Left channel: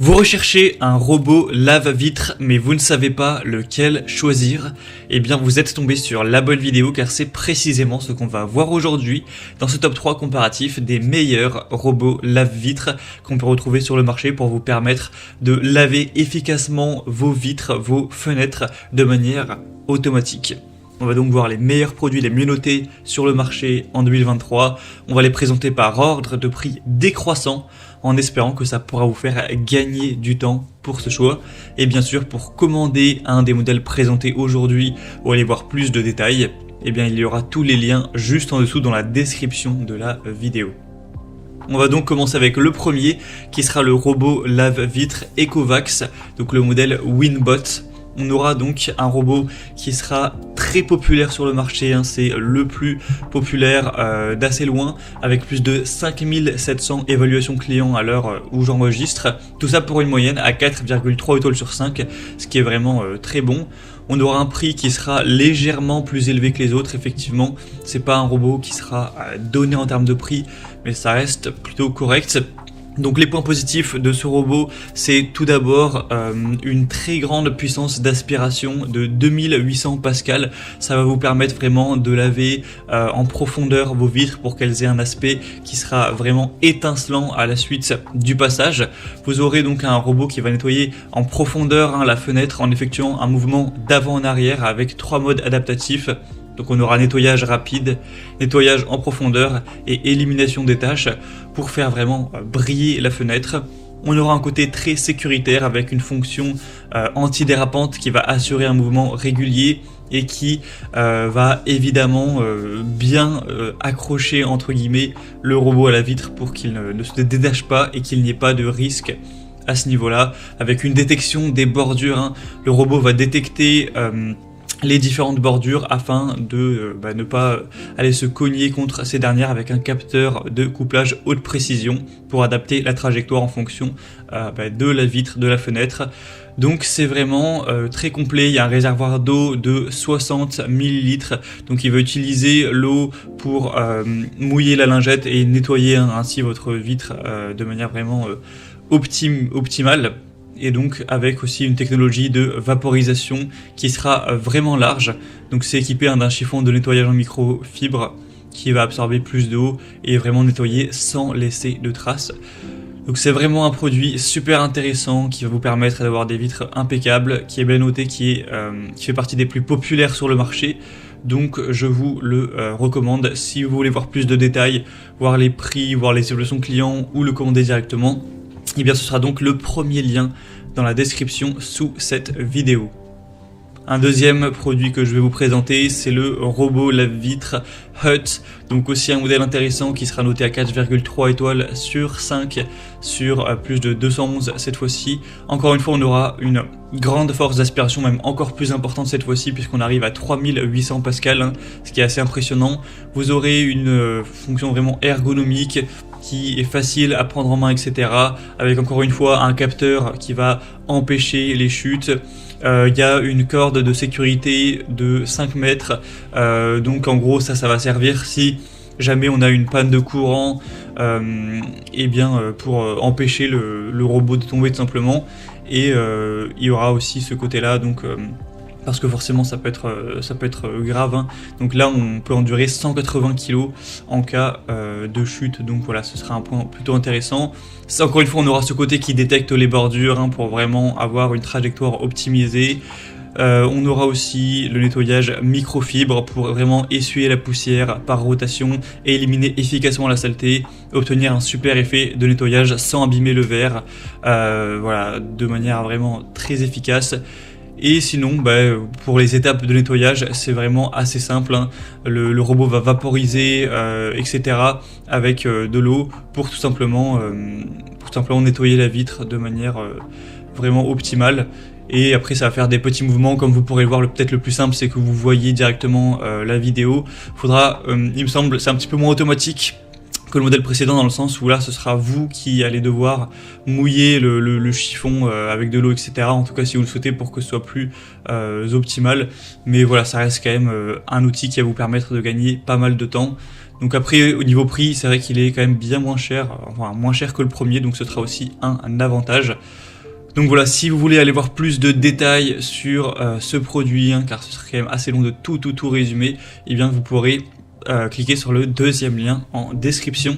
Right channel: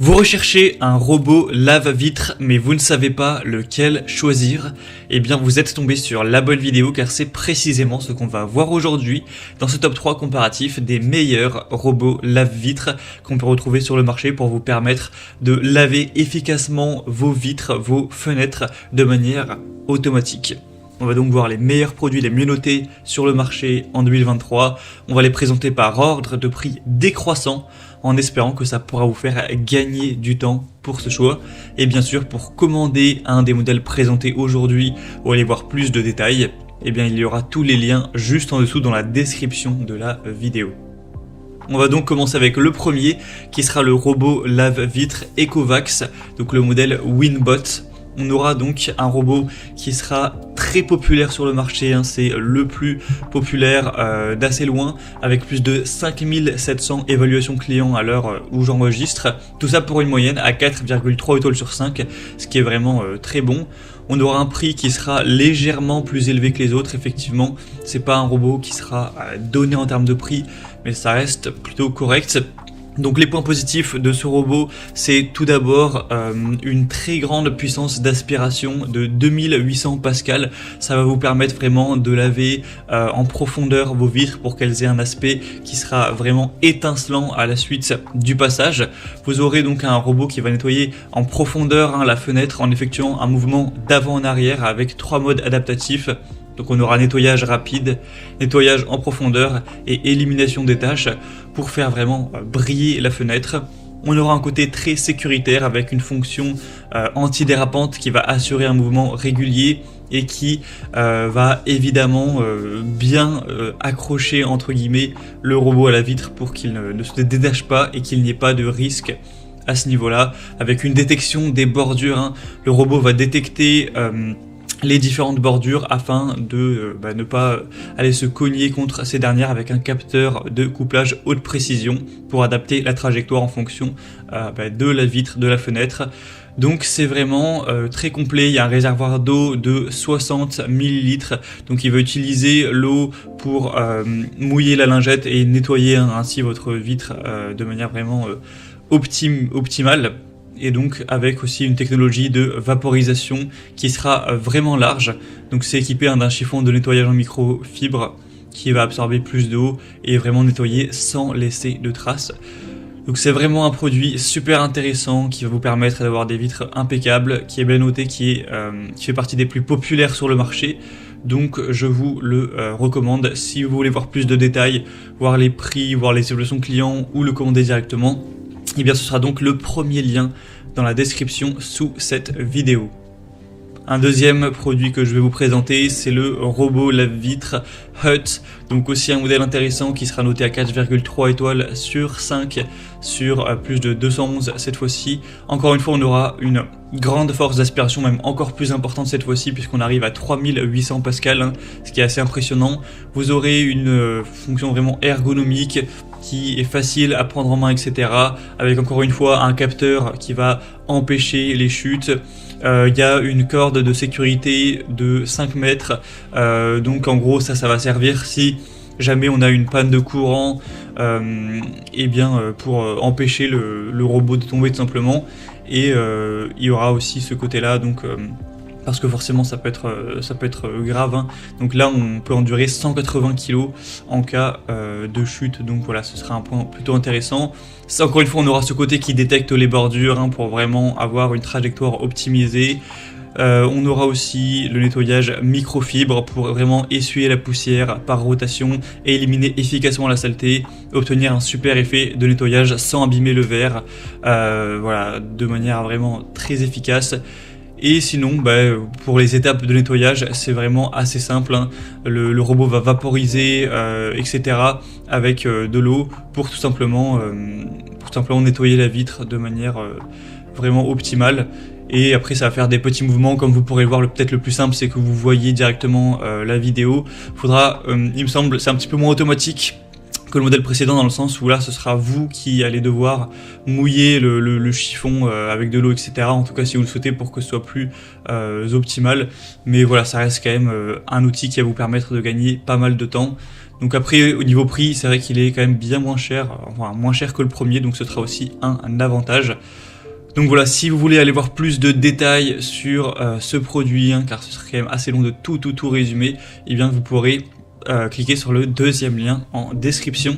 Vous recherchez un robot lave-vitre, mais vous ne savez pas lequel choisir? Eh bien, vous êtes tombé sur la bonne vidéo car c'est précisément ce qu'on va voir aujourd'hui dans ce top 3 comparatif des meilleurs robots lave-vitre qu'on peut retrouver sur le marché pour vous permettre de laver efficacement vos vitres, vos fenêtres de manière automatique. On va donc voir les meilleurs produits les mieux notés sur le marché en 2023. On va les présenter par ordre de prix décroissant en espérant que ça pourra vous faire gagner du temps pour ce choix. Et bien sûr, pour commander un des modèles présentés aujourd'hui ou aller voir plus de détails, eh bien, il y aura tous les liens juste en dessous dans la description de la vidéo. On va donc commencer avec le premier qui sera le robot lave-vitre Ecovacs, donc le modèle Winbot. On aura donc un robot qui sera très populaire sur le marché, c'est le plus populaire d'assez loin, avec plus de 5700 évaluations clients à l'heure où j'enregistre. Tout ça pour une moyenne à 4,3 étoiles sur 5, ce qui est vraiment très bon. On aura un prix qui sera légèrement plus élevé que les autres, effectivement. C'est pas un robot qui sera donné en termes de prix, mais ça reste plutôt correct. Donc les points positifs de ce robot, c'est tout d'abord une très grande puissance d'aspiration de 2800 pascal. Ça va vous permettre vraiment de laver en profondeur vos vitres pour qu'elles aient un aspect qui sera vraiment étincelant à la suite du passage. Vous aurez donc un robot qui va nettoyer en profondeur la fenêtre en effectuant un mouvement d'avant en arrière avec 3 modes adaptatifs. Donc on aura nettoyage rapide, nettoyage en profondeur et élimination des taches pour faire vraiment briller la fenêtre. On aura un côté très sécuritaire avec une fonction antidérapante qui va assurer un mouvement régulier et qui va évidemment bien accrocher entre guillemets le robot à la vitre pour qu'il ne se détache pas et qu'il n'y ait pas de risque à ce niveau-là. Avec une détection des bordures, le robot va détecter les différentes bordures afin de ne pas aller se cogner contre ces dernières avec un capteur de couplage haute précision pour adapter la trajectoire en fonction de la vitre, de la fenêtre. Donc c'est vraiment très complet. Il y a un réservoir d'eau de 60 ml, donc il va utiliser l'eau pour mouiller la lingette et nettoyer ainsi votre vitre de manière vraiment optimale. Et donc avec aussi une technologie de vaporisation qui sera vraiment large. Donc c'est équipé d'un chiffon de nettoyage en microfibre qui va absorber plus d'eau et vraiment nettoyer sans laisser de traces. Donc c'est vraiment un produit super intéressant qui va vous permettre d'avoir des vitres impeccables, qui est bien noté, qui fait partie des plus populaires sur le marché. Donc je vous le recommande si vous voulez voir plus de détails, voir les prix, voir les évaluations clients ou le commander directement. Et bien ce sera donc le premier lien dans la description sous cette vidéo. Un deuxième produit que je vais vous présenter, c'est le robot lave-vitre Hut. Donc aussi un modèle intéressant qui sera noté à 4,3 étoiles sur 5 sur plus de 211 cette fois-ci. Encore une fois, on aura une grande force d'aspiration, même encore plus importante cette fois-ci, puisqu'on arrive à 3800 pascal, ce qui est assez impressionnant. Vous aurez une fonction vraiment ergonomique qui est facile à prendre en main, etc. Avec encore une fois un capteur qui va empêcher les chutes. Il y a une corde de sécurité de 5 mètres, donc en gros ça va servir si jamais on a une panne de courant, pour empêcher le robot de tomber tout simplement. Et il y aura aussi ce côté-là, donc parce que forcément ça peut être grave. Donc là on peut endurer 180 kg en cas de chute, donc voilà, ce sera un point plutôt intéressant. Ça, encore une fois, on aura ce côté qui détecte les bordures pour vraiment avoir une trajectoire optimisée. On aura aussi le nettoyage microfibre pour vraiment essuyer la poussière par rotation et éliminer efficacement la saleté, obtenir un super effet de nettoyage sans abîmer le verre, voilà, de manière vraiment très efficace. Et sinon, pour les étapes de nettoyage, c'est vraiment assez simple. Le robot va vaporiser, etc. avec de l'eau pour tout simplement nettoyer la vitre de manière vraiment optimale. Et après, ça va faire des petits mouvements, comme vous pourrez le voir. Peut-être le plus simple, c'est que vous voyez directement la vidéo. Faudra, il me semble, c'est un petit peu moins automatique que le modèle précédent, dans le sens où là ce sera vous qui allez devoir mouiller le chiffon avec de l'eau, etc. En tout cas si vous le souhaitez, pour que ce soit plus optimal. Mais voilà, ça reste quand même un outil qui va vous permettre de gagner pas mal de temps. Donc après, au niveau prix, c'est vrai qu'il est quand même bien moins cher, enfin, moins cher que le premier, donc ce sera aussi un avantage. Donc voilà, si vous voulez aller voir plus de détails sur ce produit, hein, car ce serait quand même assez long de tout résumer, et bien vous pourrez cliquer sur le deuxième lien en description.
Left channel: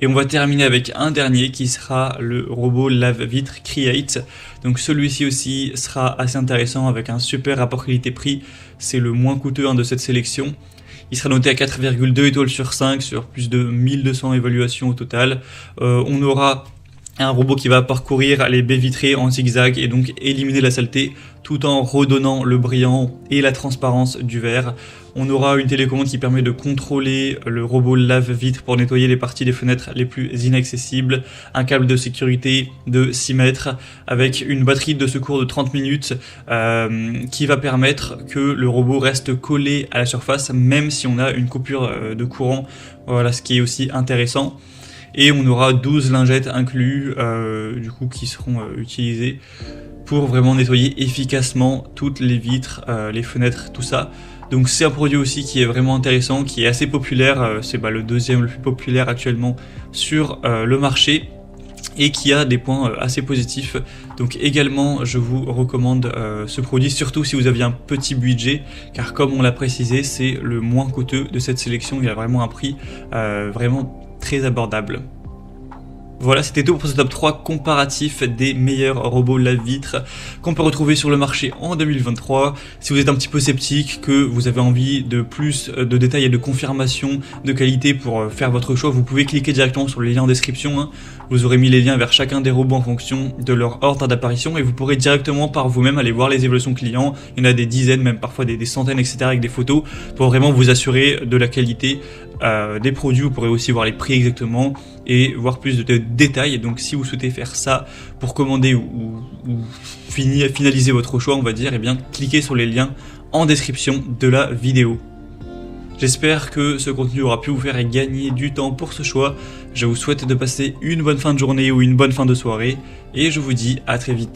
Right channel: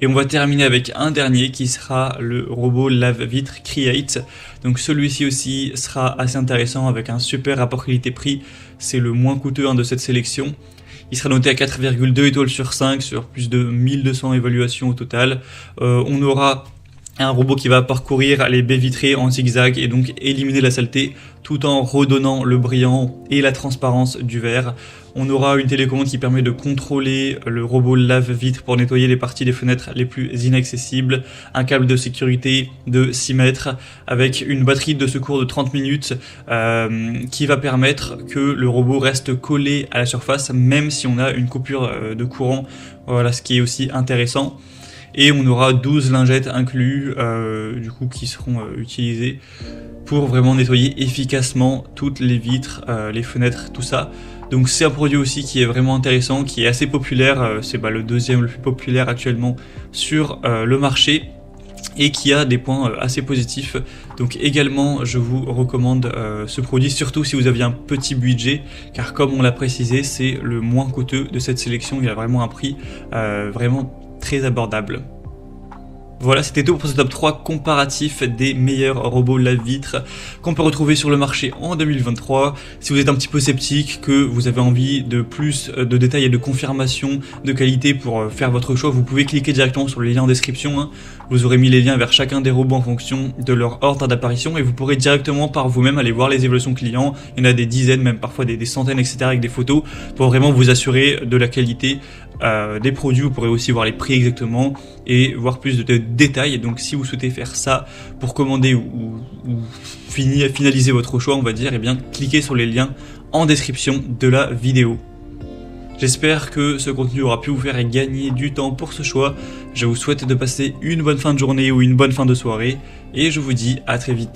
Et on va terminer avec un dernier qui sera le robot lave-vitre Create. Donc celui-ci aussi sera assez intéressant avec un super rapport qualité-prix. C'est le moins coûteux de cette sélection. Il sera noté à 4,2 étoiles sur 5 sur plus de 1200 évaluations au total. On aura un robot qui va parcourir les baies vitrées en zigzag et donc éliminer la saleté tout en redonnant le brillant et la transparence du verre. On aura une télécommande qui permet de contrôler le robot lave-vitre pour nettoyer les parties des fenêtres les plus inaccessibles. Un câble de sécurité de 6 mètres avec une batterie de secours de 30 minutes qui va permettre que le robot reste collé à la surface même si on a une coupure de courant. Voilà, ce qui est aussi intéressant. Et on aura 12 lingettes inclus du coup, qui seront utilisées pour vraiment nettoyer efficacement toutes les vitres, les fenêtres, tout ça. Donc c'est un produit aussi qui est vraiment intéressant, qui est assez populaire, c'est le deuxième le plus populaire actuellement sur le marché et qui a des points assez positifs. Donc également je vous recommande ce produit, surtout si vous aviez un petit budget, car comme on l'a précisé, c'est le moins coûteux de cette sélection, il a vraiment un prix vraiment très abordable. Voilà, c'était tout pour ce top 3 comparatif des meilleurs robots lave-vitre qu'on peut retrouver sur le marché en 2023. Si vous êtes un petit peu sceptique, que vous avez envie de plus de détails et de confirmation de qualité pour faire votre choix, vous pouvez cliquer directement sur les liens en description. Hein. Vous aurez mis les liens vers chacun des robots en fonction de leur ordre d'apparition et vous pourrez directement par vous-même aller voir les évolutions clients. Il y en a des dizaines, même parfois des centaines, etc. avec des photos pour vraiment vous assurer de la qualité des produits. Vous pourrez aussi voir les prix exactement et voir plus de détails. Donc si vous souhaitez faire ça pour commander ou finaliser votre choix, on va dire, et bien cliquez sur les liens en description de la vidéo. J'espère que ce contenu aura pu vous faire gagner du temps pour ce choix. Je vous souhaite de passer une bonne fin de journée ou une bonne fin de soirée et je vous dis à très vite.